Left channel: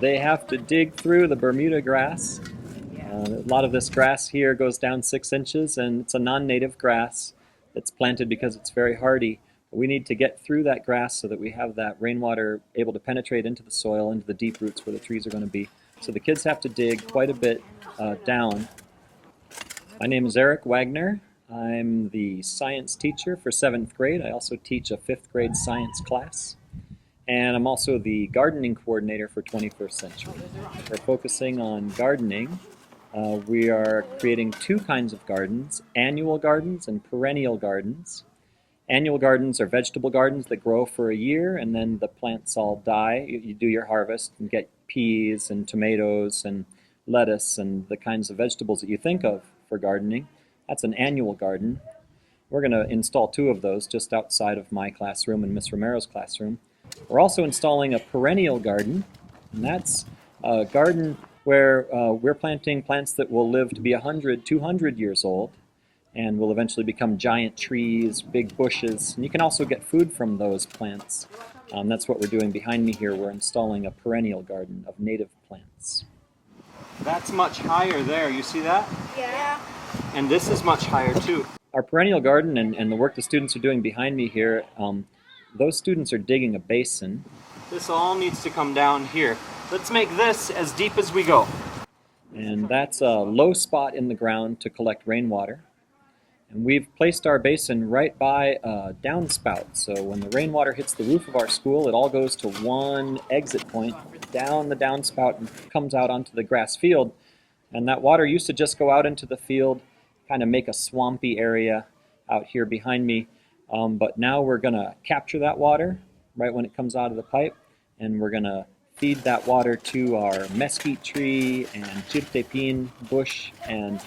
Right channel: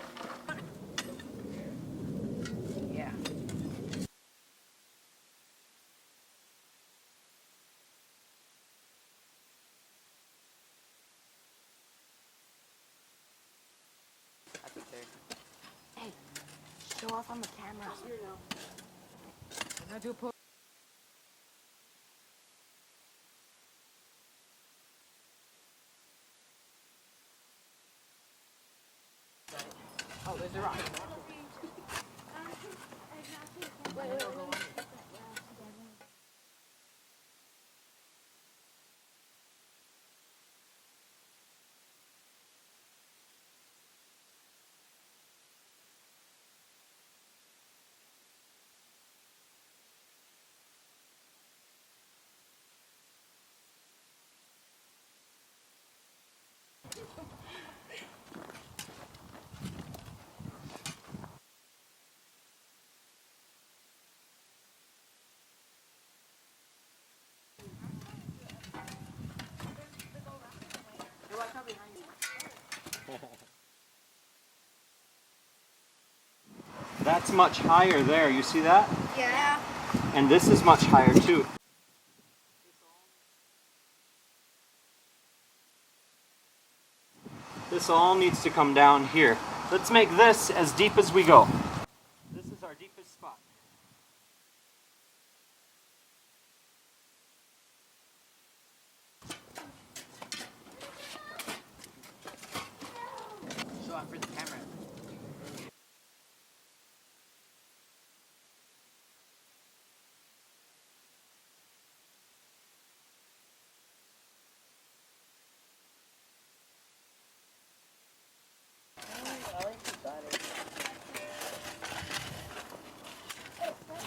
they have to dig through the Bermuda grass. A lot of this grass here goes down 6 inches, and it's a non-native grass that's planted because it's very hardy. We need to get through that grass so that we have that rainwater able to penetrate into the soil, into the deep roots where the trees are going to be. So the kids have to dig quite a bit down. My name is Eric Wagner. I'm the science teacher for 7th grade. I also teach a 5th grade science class. And I'm also the gardening coordinator for 21st Century. We're focusing on gardening. We are creating 2 kinds of gardens, annual gardens and perennial gardens. Annual gardens are vegetable gardens that grow for a year and then the plants all die. You do your harvest and get peas and tomatoes and lettuce and the kinds of vegetables that you think of for gardening. That's an annual garden. We're going to install 2 of those just outside of my classroom and Miss Romero's classroom. We're also installing a perennial garden, and that's a garden where we're planting plants that will live to be 100, 200 years old and will eventually become giant trees, big bushes. And you can also get food from those plants. That's what we're doing behind me here. We're installing a perennial garden of native plants. That's much higher there, you see that? Yeah. And this is much higher too. Our perennial garden and the work the students are doing behind me here, those students are digging a basin. This all needs to come down here. Let's make this as deep as we go. And that's a low spot in the ground to collect rainwater. And we've placed our basin right by a downspout. So when the rainwater hits the roof of our school, it all goes to one exit point down the downspout and comes out onto the grass field. And that water used to just go out into the field, kind of make a swampy area out here behind me. But now we're going to capture that water right when it comes out of the pipe, and we're going to feed that water to our mesquite tree and chiltepin bush and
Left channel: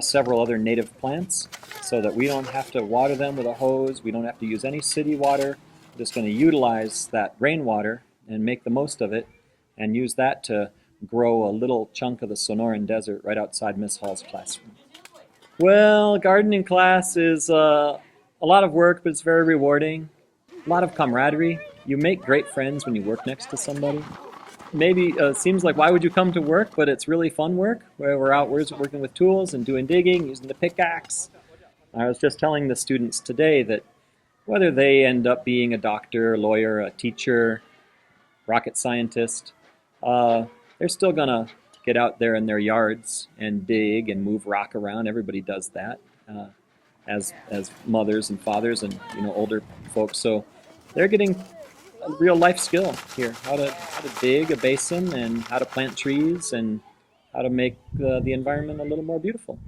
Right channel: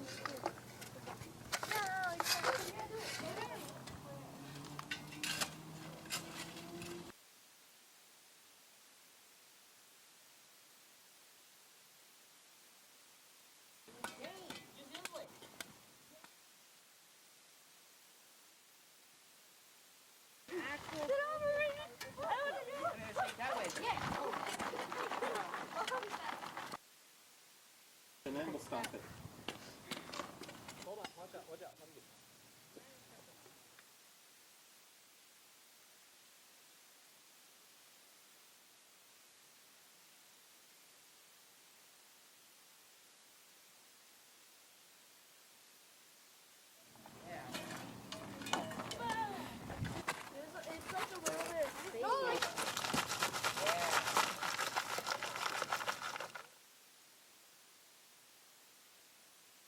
several other native plants so that we don't have to water them with a hose. We don't have to use any city water. We're just going to utilize that rainwater and make the most of it and use that to grow a little chunk of the Sonoran Desert right outside Miss Hall's classroom. Well, gardening class is a lot of work, but it's very rewarding. A lot of camaraderie. You make great friends when you work next to somebody. Maybe seems like why would you come to work, but it's really fun work where we're out working with tools and doing digging, using the pickaxe. I was just telling the students today that whether they end up being a doctor, a lawyer, a teacher, rocket scientist, they're still gonna get out there in their yards and dig and move rock around. Everybody does that as mothers and fathers and older folks. So they're getting a real life skill here: how to dig a basin and how to plant trees and how to make the environment a little more beautiful.